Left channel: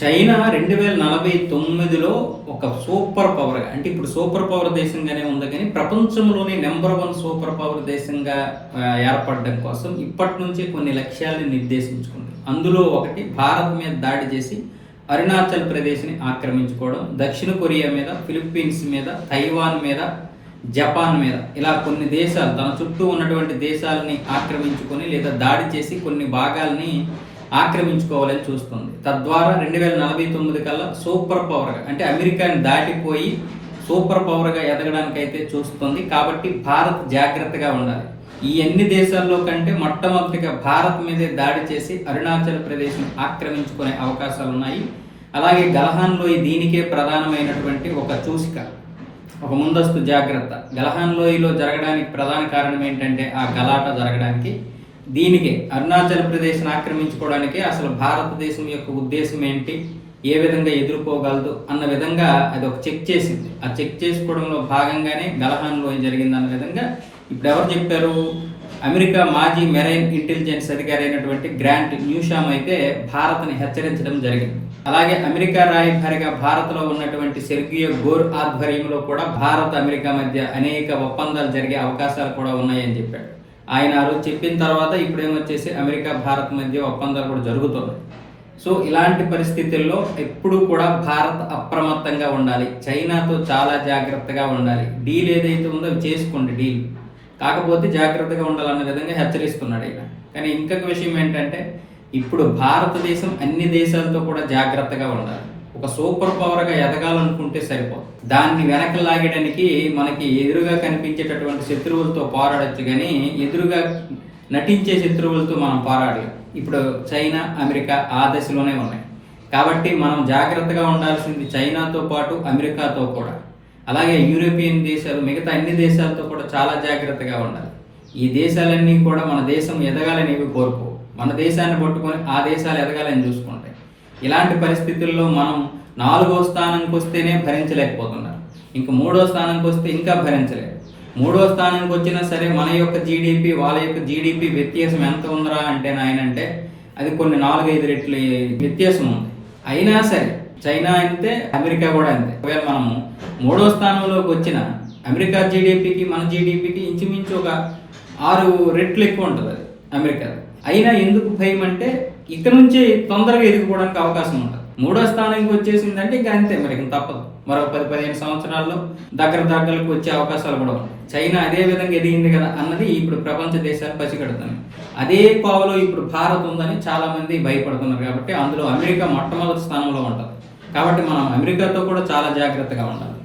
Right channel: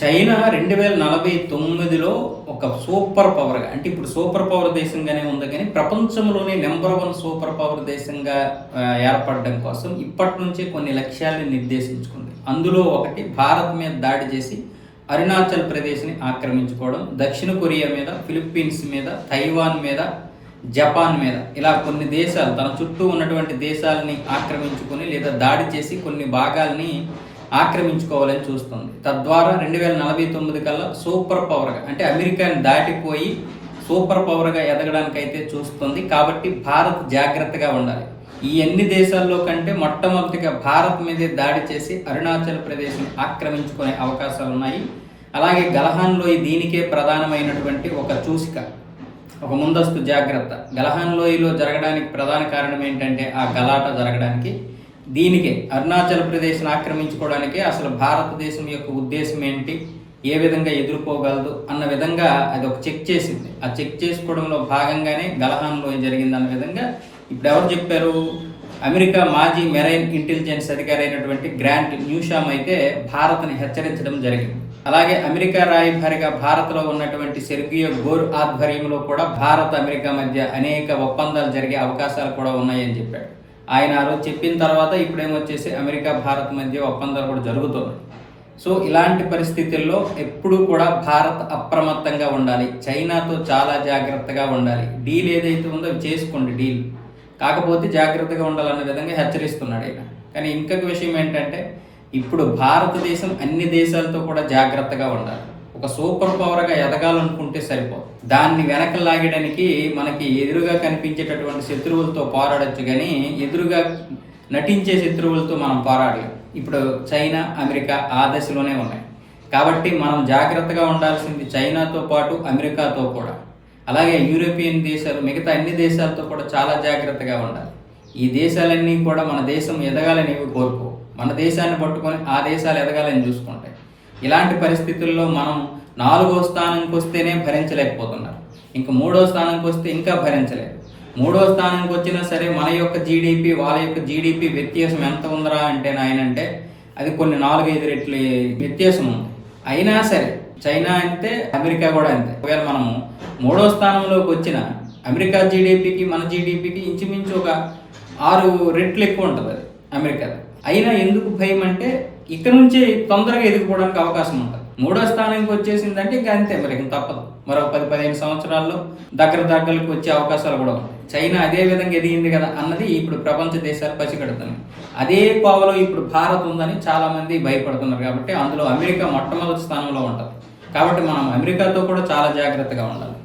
China 2049లో ఒక super పవర్‌గా, అంటే ఇప్పుడు సూపర్ పవర్ దేశంగానే ఉంది కానీ ప్రపంచంలోనే నంబర్ 1 సూపర్ పవర్ దేశంగా ఏర్పడడం కోసం ఇప్పటి నుంచే కొన్ని లక్ష్యాలను నిర్దేశించుకుంది. అందులో ఒకటి భారత్ మీద దాడి చేసి అరుణాచల్ ప్రదేశ్‌ని ఆక్రమించుకోవడం, దక్షిణ కొరియా మీద, ఫిలిప్పీన్స్ మీద, తైవాన్ మీద, జపాన్ మీద ఇలా కొన్ని దేశాలు తన చుట్టూ ఉన్నటువంటి దేశాలని ఆక్రమించుకొని లేదా దాడి చేసి కొన్ని భాగాల్ని ఆక్రమించుకోవాలని చూస్తుంది. తద్వారా 2049 కల్లా సూపర్ పవర్గా, అంటే అమెరికాని దాటిపోయి సూపర్ పవర్గా ఎదగడానికైతే చూస్తుంది. కాబట్టి భారత్ జాగ్రత్తగా ఉండాలి. ఈ అన్ని దేశాల్లో కంటే మొట్టమొదటిగా భారత్ మీదే దాడి చేసి అరుణాచల్ ప్రదేశ్ని ఆక్రమించుకునే అవకాశాలు ఉన్నాయి. అలాగే గల్వాన్ లోయ దీనికే ప్రధానమైనటువంటి ఒక సూచిక, ఒక ముందస్తు జాగ్రత్త. గల్వాన్ లోయలో జరగడానికి ప్రధాన కారణం ఏంటంటే ఆ గలాట జరగడానికి, దీనికే అరుణాచల్ ప్రదేశ్ని ఆక్రమించుకోవడానికే అసలు భారతదేశం యొక్క ఉద్దేశం ఏంటి, ఏ విధంగా ఎదుర్కోగలదు అన్న విధంగా అది ఒక చెక్ చేసింది. ఆ చెక్ చేసుకోవడంలో భాగంగానే గల్వాన్ లోయ జరిగిందన్న విధంగా ఇప్పుడు ఎవరు చెప్పారు? అమెరికా మాజీ మెరైన్ ఇంటెలిజెన్స్ అధికారి అయినటువంటి గ్రాంట్ న్యూషామ్ అయితే భారత్ని హెచ్చరించడం జరిగింది. అలాగే అమెరికా రాయబారిగా భారత్లో ఉన్నటువంటి సెర్గియో గోర్ ఆధ్వర్యంలో కూడా భారత్ అమెరికా మధ్య అనేక ఒప్పందాలు జరిగే అవకాశాలు కూడా ఉన్నాయని చెప్పాడు. ఆయన ఆ రోజు చెప్పిన తర్వాత ఇప్పుడేమొచ్చేసి అమెరికా భారత్ మధ్య ఒప్పందాలు కూడా జరుగుతున్నాయి. సో ఇలాంటి పరిస్థితుల్లో ఎప్పుడు కూడా భారత్ అప్రమత్తంగా ఉండాలి, చైనాతో చాలా జాగ్రత్తగా ఉండాలి. డీల్ ఏదైతే ఉందో అవి చేసుకోండి డీల్, కాకపోతే జాగ్రత్తగా ఉండాలన్న విధంగా హెచ్చరిస్తున్నాడు ఆయన. కానీ ఇంకొక విషయం ఏంటంటే ఇప్పుడు భారతదేశం అన్ని దేశాలతో కూడా జాగ్రత్తగా ఉండాలి. ఒక సూపర్ పవర్గా ఎదగాలనుకుంటే సరిపోదు. దాన్ని వెనక లాగడానికి మనకి ఎదురుగా కనిపించేటటువంటి శత్రువులతో పోరాడచ్చు, కానీ ఎదురుగా నటించే శత్రువులతో మనం పోరాడలేం. ఇప్పుడు చైనా, అమెరికా ఆ దశలోనే ఉన్నాయి. కాబట్టి మనం జాగ్రత్తగా ఉండాల్సింది చైనాతో పాటు అమెరికాతో కూడా, అలాగే యూరోపియన్ దేశాలు, మిగతా అన్ని దేశాలతో కూడా చాలా జాగ్రత్తగా ఉండాలి. ఈ దేశాలన్నీ కూడా మన దేశం ఎదగాలని కోరుకో, మన దేశాన్ని పట్టుకొని ఆ దేశాలు ఎదగాలని చూసుకుంటాయి. ఇలాంటి పరిస్థితుల్లో మనం 4వ స్థానంకి వస్తేనే భరించలేకపోతున్నారు, ఇంకా 3వ స్థానంకి వస్తే ఇంకా భరించలేరు. 3వ స్థానంకి వచ్చినా సరే మన యొక్క జీడిపి వాళ్ళ యొక్క జీడిపి వ్యత్యాసం ఎంత ఉందరా అంటే నాయనంటే అది కొన్ని 4-5 రెట్లు వ్యత్యాసం ఉంది. అయినా సరే చైనా అంతే, అమెరికా కూడా అంతే. ఒకవేళ మనము 3వ స్థానంలోకి వచ్చిన అమెరికా జీడిపికి మన జీడిపికి ఇంచుమించు ఒక 6 రెట్లు ఎక్కువ ఉంటుంది అది అమెరికాది. అయినా ఎందుకు భయం అంటే ఇక్కడ నుంచే తొందరగా ఎదిగిపోవడానికి అవకాశం ఉంటుంది. 3వ స్థానానికి వచ్చేసిందంటే ఇంకా అంతే, మరి ఇంకా తప్పదు. మరొక 10-15 సంవత్సరాల్లో దగ్గరకు వచ్చే అవకాశాలు కూడా ఉన్నాయి. చైనా అదే విధంగా ఎదిగింది కదా అన్నది ఇప్పుడు ప్రపంచ దేశాలు పసిగడుతున్నాయి. అదే కోవలో ఇప్పుడు భారత్ ఉందని చాలామంది భయపడుతున్నారు. కాబట్టి అందులో అమెరికా మొట్టమొదటి స్థానంలో ఉంటుంది. కాబట్టి మనం అమెరికాతో కూడా చాలా జాగ్రత్తగా ఉండాలి.